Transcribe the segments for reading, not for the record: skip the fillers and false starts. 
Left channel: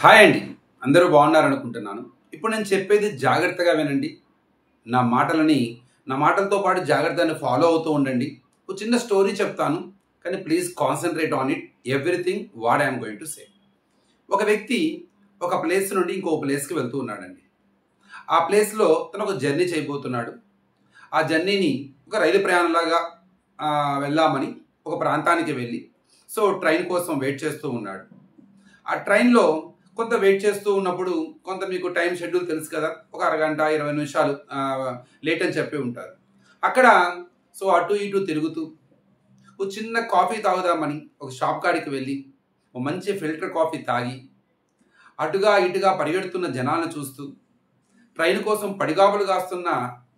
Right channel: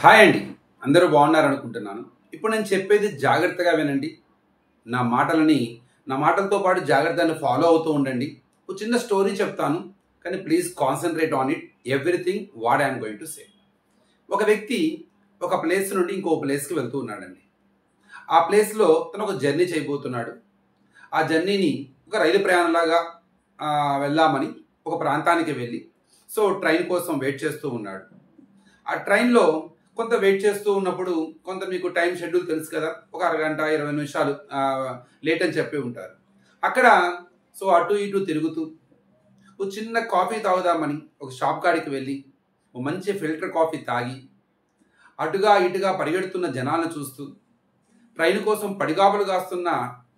Hi అండి, అందరూ బాగున్నారనుకుంటున్నాను. ఇప్పుడు నేను చెప్పేది జాగ్రత్తగా వినండి. నా మాటలతో పాటు జాగ్రత్తగా ఫాలో అవుతూ ఉండండి. ఒక చిన్న స్టోరీ చెప్తాను, కానీ please concentrate on it everything what I'm going to say. ఒక వ్యక్తి ఒక ప్లేస్ నుండి ఇంకో ప్లేస్కి వెళ్తూ ఉన్నాడండి. ఆ ప్లేస్లో తను ఒక జర్నీ చేయబోతున్నాడు. ఆ జర్నీని ఒక రైలు ప్రయాణంలాగా వెళ్దామని ఒక ప్రాంతానికి వెళ్ళి ట్రైన్ కోసం వెయిట్ చేస్తూ ఉన్నాడు. ఆ ట్రైన్లో కొంత వెయిట్ చేస్తూ ఉన్నప్పుడు కొంత మీకు టైం షెడ్యూల్ తెలుసు కదా, ఒక అరగంట 20 నిమిషాలు లేట్ అని చెప్పి ఉంటారు. అక్కడ అటు ఇటు తిరుగుతూ ఒక చిన్న కాఫీ తాగుదామని ఒక షాప్ కాడికి వెళ్ళి ఒక మంచి ఫిల్టర్ కాఫీ తాగి అటుగా ఇటుగా పరిగెడుతున్న జనాలను చూస్తూ ట్రైన్ కోసం పడిగాపులు కాస్తున్న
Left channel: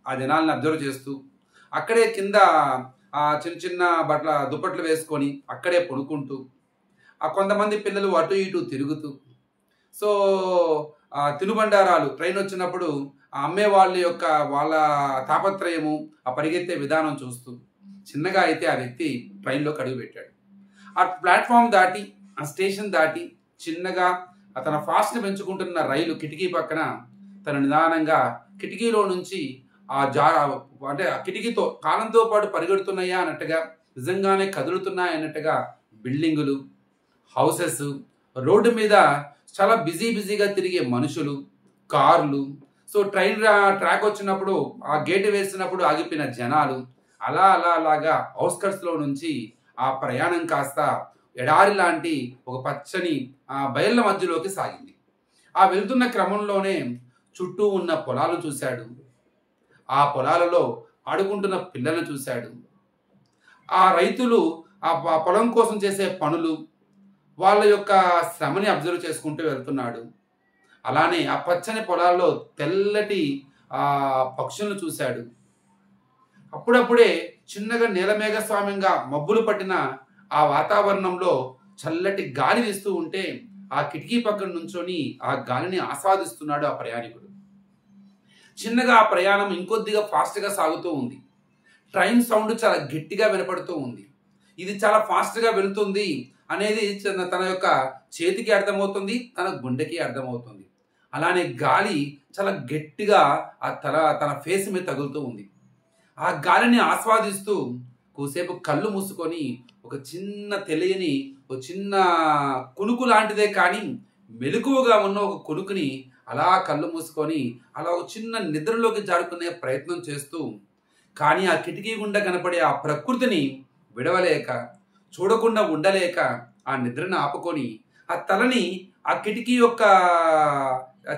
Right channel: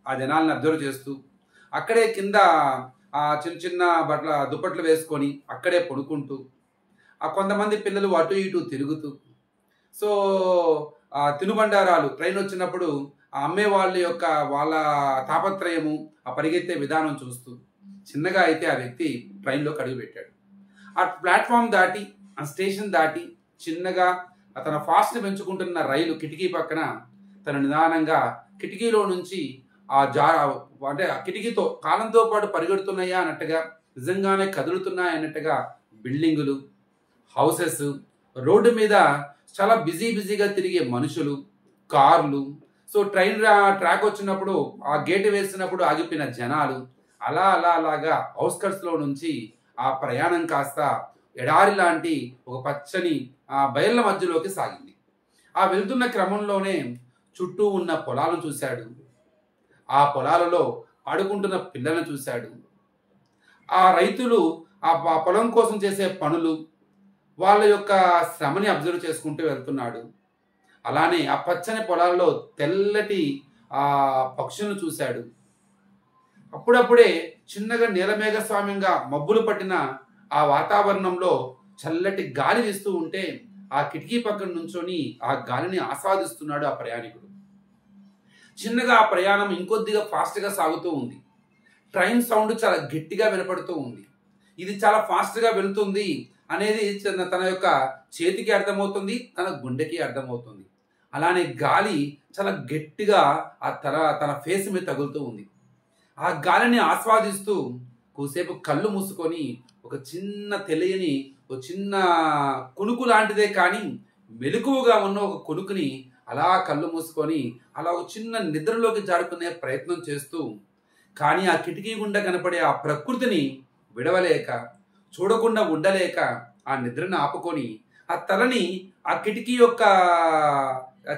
ఆ జనాలను అబ్జర్వ్ చేస్తూ అక్కడే కింద చిన్న చిన్న దుప్పట్లు వేసుకొని అక్కడే పడుకుంటూ కొంతమంది పిల్లలు అటు ఇటు తిరుగుతూ తినుబండారాలు ట్రైన్ వచ్చినప్పుడు అమ్మే వాళ్ళ తాపత్రయము ఆ పరిగెత్తే విధానం చూస్తూ చిన్నగా అయితే ఆ వ్యక్తి ట్రైన్లో అడుగు పెట్టాడు. ఆ ప్లాట్ఫామ్ దాటి ఆ స్టేషన్ దాటి చిన్నగా తన ఫాస్ట్ పెంచుకుంటున్న రైలు కిటికీ పక్కన తను నిదానంగా కిటికీలో నుంచి అంటే ఆ కిటికీతో కాలంతో పాటు పరిగెడుతున్నాయా అన్నట్టుగా, నిజంగానే కదులుతున్నాయి అన్నట్టుగా బిల్డింగులు, హౌసెస్, రోడ్డు మీద చాలా బిజీగా తిరిగే మనుషులు, కార్లు, ట్రైన్ ట్రాక్ వచ్చినప్పుడు ఆ గేటు వేసినప్పుడు ఆగిపోయిన జనాలు, అలాగా అవుట్స్కట్స్లో నుంచి ఆ ప్రయాణం కాస్త ఎడారి లాంటి ఒక పచ్చని బయళ్ళ మధ్యలోకి సాగింది. ఆ వెళ్తున్న క్రమంలోనే చుట్టూ ఉన్న పొలాలను చూశాడు. ఆ పొలాలలో ఆడుకుంటున్న పిల్లలను చూశాడు. ఆ రైతులు ఆ పొలం కోసం చేసే పనులు, వాళ్ళ యొక్క శ్రమని అబ్జర్వ్ చేసుకుంటూ వెళ్తున్నాడు. అలానే ఆ పచ్చని పొలాల్లో తెల్లటి పక్షులను చూశాడు. అప్పుడప్పుడే చిన్నగా నీలమేఘస్వామ్యంగా మబ్బులు పట్టిన ఆ వాతావరణంలో చల్లటి గాలి వీస్తూ ఉంటే ఆ కిటికీ పక్కన నుంచొని ఆ గాలిని ఆస్వాదిస్తున్నాడు ఆ ప్రయాణికుడు. చిన్నగా ఆ ప్రయాణం ఇంకొద్దిగా ఫాస్ట్గా సాగుతూ ఉంది. ట్రైన్ సౌండ్ చాలా గట్టిగా వినపడుతూ ఉంది. ఇది చాలా ఫాస్ట్గా వెళుతుంది అనేది తన యొక్క చేతికి అర్థమవుతుంది, తన గుండెకి అర్థమవుతుంది. అలానే గాలి చాలా గట్టిగా తన ఫేస్ మీద తగులుతూ ఉంది. ఆ గాలిని ఆస్వాదిస్తూ కొద్దిసేపు కళ్ళు మూసుకొని ఒక చిన్న తెలియని ఒక చిన్న కునుకు లాంటిదే కానీ మెలకువగా ఉన్న ఒక కొనుకుని అలా కళ్ళు మూసుకొని అలా ఒక చిన్న నిద్రలోకి జారుకునే ప్రయత్నం చేస్తూ, కానీ ఆ కిటికీ గుండా కనపడే ఆ ప్రకృతిని విడవలేక, చూడకుండా ఉండలేక ఆ నిద్రను ఆపుకొని ఆ తలని ఆ కిటికీ యొక్క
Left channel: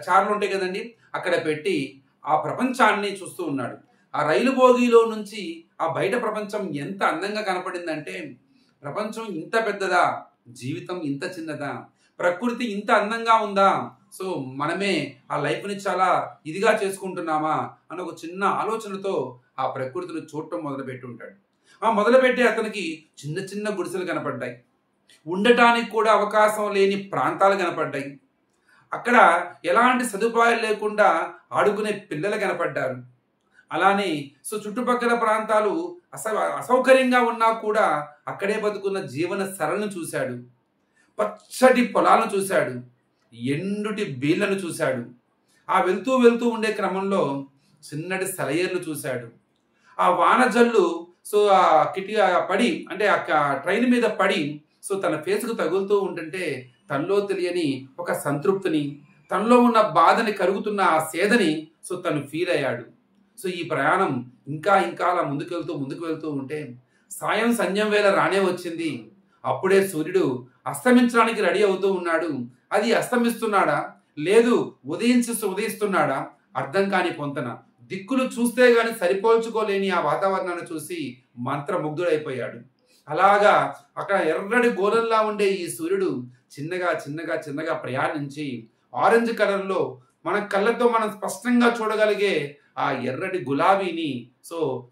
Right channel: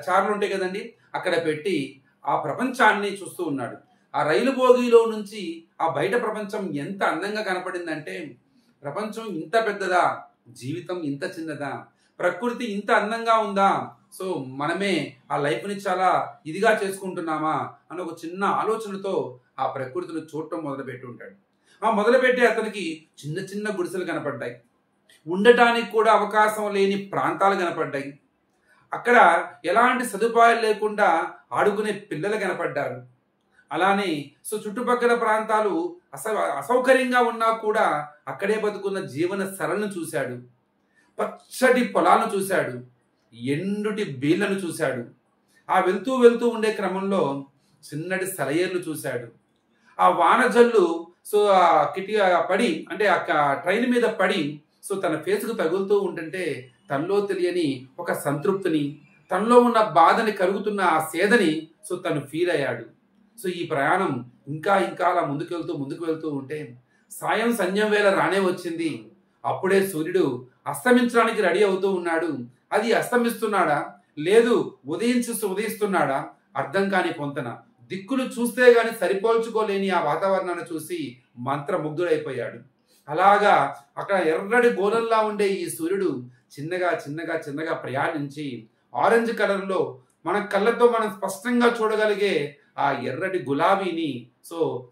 చార్లు ఉంటాయి కదండి, అక్కడ పెట్టి ఆ ప్రపంచాన్ని చూస్తూ ఉన్నాడు. ఆ రైలు బోగీలో నుంచి ఆ బయట ప్రపంచం ఎంత అందంగా కనపడిందంటే, ప్రపంచం ఇంత పెద్దదా, జీవితం ఇంత చిన్నదా, ప్రకృతి ఇంత అందంగా ఉందా, మనమే ఆ లైఫ్ని చాలా ఇదిగా చేసుకుంటున్నామా అని ఒక చిన్న ఆలోచనతో ఆ ప్రకృతిని చూడటం మొదలుపెట్టి ఉంటాడు. మొదలుపెట్టి అతనికి చిన్న చిన్న గుడిసెలు కనపడ్డాయి. ఉండటానికి కూడా అవకాశం లేని ప్రాంతాలు కనపడ్డాయి. అక్కడ ఎలాంటి సదుపాయాలు లేకుండా ఆడుకునే పిల్లలు కనపడ్డారు. అలానే చుట్టుపక్కల ప్రాంతాలు అసౌకర్యంగా ఉన్నా కూడా అక్కడే బతుకున్న జీవన సరళను చూశాడు. పచ్చటి పొలాలను చూశాడు. ఎండుటి బీళ్లను చూశాడు. ఆ వెళ్తూ ఉండే క్రమంలో చిన్నటి సెలయేర్లు చూశాడు. ఆ వానజల్లు ఆ కిటి పడి అంటే ఆ ట్రైన్ మీద పడి తన ఫేస్కు తగులుతూ ఉంటుంటే తనలో తెలియని ఒక సంతృప్తిని, తనలో ఉన్న బాధని, కరుగుతున్న ఆ సేదని తను ఫీల్ అయ్యాడు. ఈ ప్రయాణం ఇంకా అలా ముందుకు వెళ్తూ ఉంటే సాయం సంధ్యం వేళ రానే వచ్చింది. అప్పుడే సూర్యుడు అస్తమించడానికి రెడీ అవుతూ ఉన్నాడు. అది అస్తమిస్తున్నాడా లేదు ఉదయిస్తున్నాడా అర్థం కాని పొంతన. దిక్కులు చూస్తే గాని సరిపోల్చుకోలేని ఆ వాతావరణాన్ని చూసి మంత్రముగ్ధుడైపోయాడు. అలాగా అక్కడ ఎర్రటి గోళంలా ఉండే ఈ సూర్యుడు చిన్నగా ప్రయాణించి ఆరెంజ్ కలర్లో మన కళ్ళతో మనం స్పష్టంగా చూడగలిగే ఆ ఎర్రటి గులాబీని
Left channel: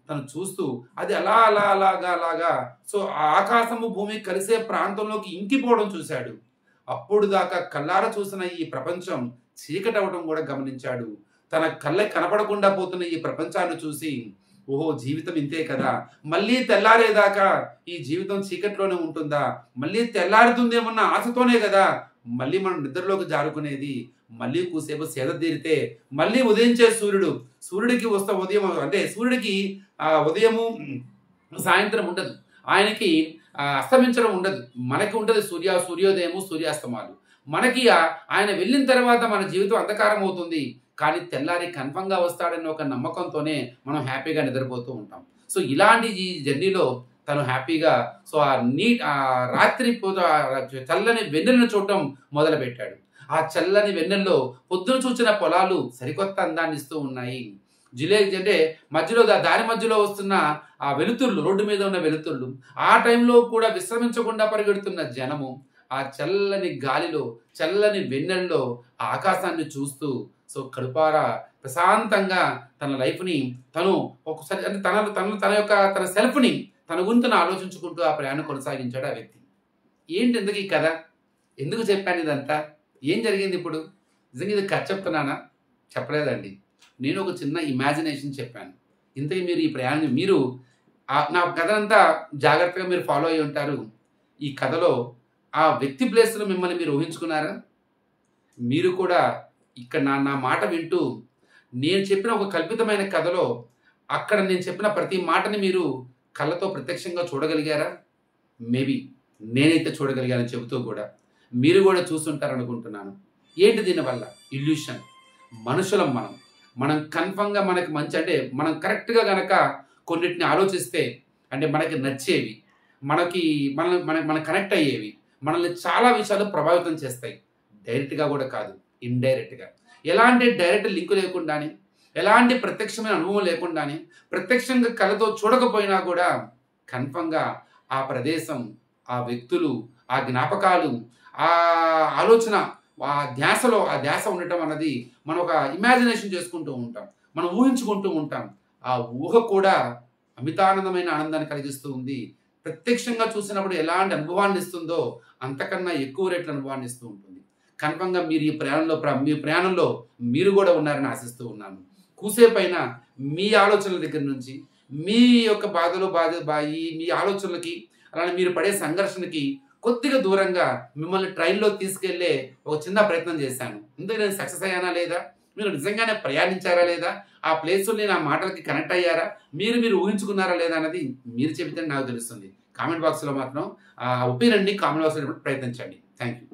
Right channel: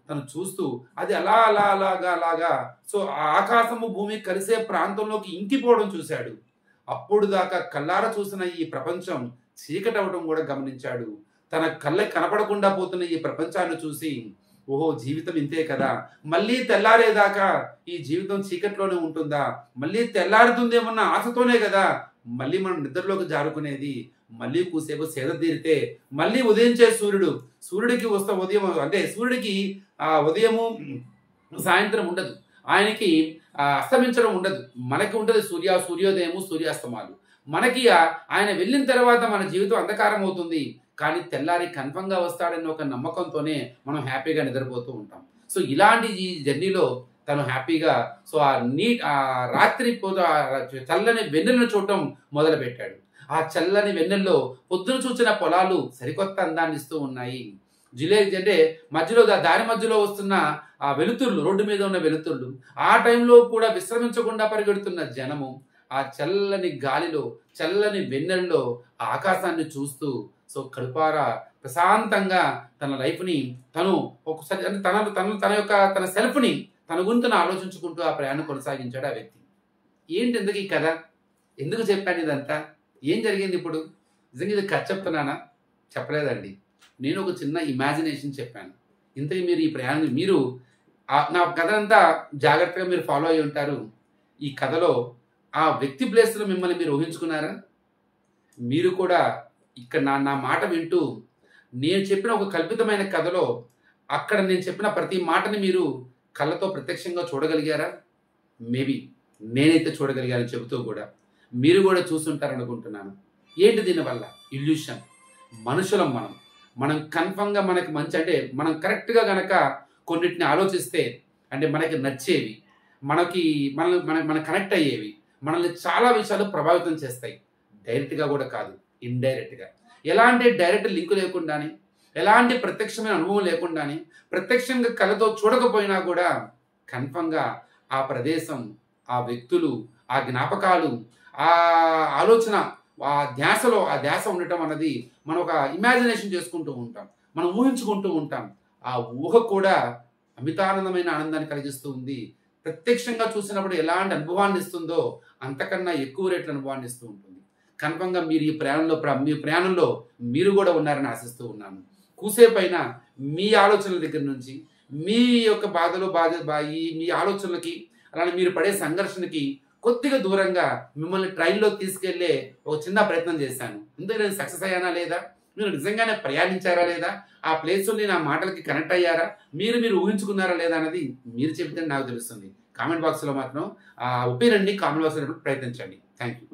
తను చూస్తూ అది అలాగా ఆ ఆకాశము భూమి కలిసే ప్రాంతంలోకి ఇంకిపోవడం చూశాడు. అప్పుడు దాకా కళ్ళారా చూసిన ఈ ప్రపంచం చీకటవడం కూడా గమనించాడు. తన కళ్ళకి కనపడకుండా పోతున్న ఈ ప్రపంచాన్ని చూసి ఓహో జీవితం ఇంతే కదా, మళ్ళీ తెల్లారేదాకా ఈ జీవితం చీకట్లోనే ఉంటుందా, మళ్ళీ తెల్లారుతుందేమన్న ఆశతోనే కదా మళ్ళీ మనం నిద్రలోకి జారుకునేది మళ్ళీ కూసేపు సేద తీరితే మళ్ళీ ఉదయించే సూర్యుడికి వస్తా ఉదయం అంటే సూర్యుడికి ఉదయము సాయంత్రం ఉండదు, ఆయనకి అస్తమించడం ఉండదు. మనకి ఉంటుంది సూర్యోదయము సూర్యాస్తమాలు. మనకి ఆయన వెళ్ళిన తర్వాత మన జీవితం అంధకారం అవుతుంది, కానీ తెల్లారి కన్ఫర్మ్గా వస్తాడన్న ఒక నమ్మకంతోనే మనం హ్యాపీగా నిద్రపోతూ ఉంటాం. సో ఇలాంటి ఈ జర్నీలో తను హ్యాపీగా సో ఆ రాత్రి చల్లని వెన్నెలను చూడటం మొదలుపెట్టాడు. ఆ చల్లని వెన్నెల్లో పొద్దున చూసిన పొలాలు సరికొత్త అందాన్ని ఇస్తూ ఉన్నాయి. అంటే మధ్యలో దారి మధ్యలో వస్తున్న ఆ వెలుతుర్లు, రోడ్డు మీద ఉన్న వెలుతుర్లు, ఆ టైంలో కూడా విశ్రమించకుండా పరిగెడుతున్న జనము, ఆ చల్లని గాలిలో చల్లని వెన్నెల్లో ఆ ఆకాశాన్ని చూస్తూ సో కడుపారా ప్రశాంతంగా తన లైఫ్ని తను ఒకసారి అంటే తన సెల్ఫ్ని తన గురించి ఆలోచించుకుంటూ ఆ ప్రయాణం కొనసాగించాడు ఆ వ్యక్తి. ఏంటి ఎందుకు ఈ కథ, ఎందుకు చెప్పాను ఇదంతా, ఏం జరిగింది ఇప్పుడు? నిజంగా ఇది కథ చెప్తున్నానా? చెప్పలేదండి. నేను ఒక చిన్న ఇమాజినేషన్ చెప్పాను. ఇంతకీ మీరు ఈ ప్రయాణం నా కథ అంతా జాగ్రత్తగా మీరు ఫాలో అయి ఉంటారు. ఈ కథలో ఆ వ్యక్తి ప్లేస్లో మిమ్మల్ని మీరు ఊహించుకున్నారా? మీరు కూడా ఇక్కడ నా మాట వింటూ నేను చెప్పిన ఒక కల్పితమైన కథలో అక్కడ నేను చెప్పిన ప్రతి మాటని మీరు కళ్ళతో ప్రత్యక్షంగా చూడగలిగారా? మేబీ నేనైతే చూడగలిగానని చెబుతూ కూడా మీరు కూడా చూస్తుంటారనుకుంటున్నాను. ఏంటి దీనివల్ల? ఇల్యూషన్. మనుషులం మనం కన్ఫర్మ్గా మనకి మంచి అంటే మనం కరెక్ట్గా కనుక కొన్నిటిని ఆలోచిస్తే అంటే మనకి నచ్చేవి, మన కనెక్ట్ అయ్యేవి మనల్ని చాలా విషయాలు ప్రభావితం చేస్తాయి. డైరెక్ట్గా కూడా కాదు, ఇండైరెక్ట్గా. ఎలాంటి డైరెక్ట్ లింకు లేకుండానే, ఎలాంటి ప్రత్యక్షమైన అనుభవం లేకుండానే, ప్రత్యక్షంగా కళ్ళతో చూడకపోయినా కూడా కన్ఫర్మ్గా ఆ ప్రదేశం, ఆ వ్యక్తులు, ఆ జ్ఞాపకాలు, ఆ ఆలోచన, ఆ ధ్యాస ఉండటం అన్నది మనం ఒక ఇమాజినేషన్ చేసుకుంటూ ఉంటాం, మనం ఊహించుకుంటూ ఉంటాం. ఆ ఊహ కూడా అమితానందమైన ఆనందాన్ని కలిగిస్తూ ఉంది. ప్రత్యక్షంగా చూసినప్పుడు ఎలాంటి అనుభవాన్ని ఇస్తుందో అంతకన్నా ఎక్కువ రేట్ల అనుభవాన్ని ఇస్తూ ఉంటుంది. కన్ఫర్మ్గా మీరు ఈ ప్రయాణంలో మీరు కూడా ఉన్నారని ఆశిస్తూ ఉన్నాను. కూసేపైనా మీ ఆలోచనల దగ్గర నుంచి మీ యొక్క మీ ఆలోచనలకి అలానే మీరు పడే సంఘర్షణకి కొద్దిగా దూరంగా మిమ్మల్ని ట్రైన్లో తీసుకెళ్లే ఒక చిన్న ప్రయత్నం చేశాను. ఇందుకు నేను సక్సెస్ అయ్యానా లేదా? మీరు నిజంగానే ప్రయాణించారా లేదా? ఆ ప్లేస్ని నా మాటలకి కనెక్ట్ అయ్యారా? మీరు ఊహించుకున్నారా లేదా అన్నది మీరు చెబితే నాకు తెలుస్తుంది. కామెంట్ బాక్స్లో మాత్రం ఒపీనియన్ని కామెంట్ బాక్స్లో ప్రయత్నించండి. Thank you.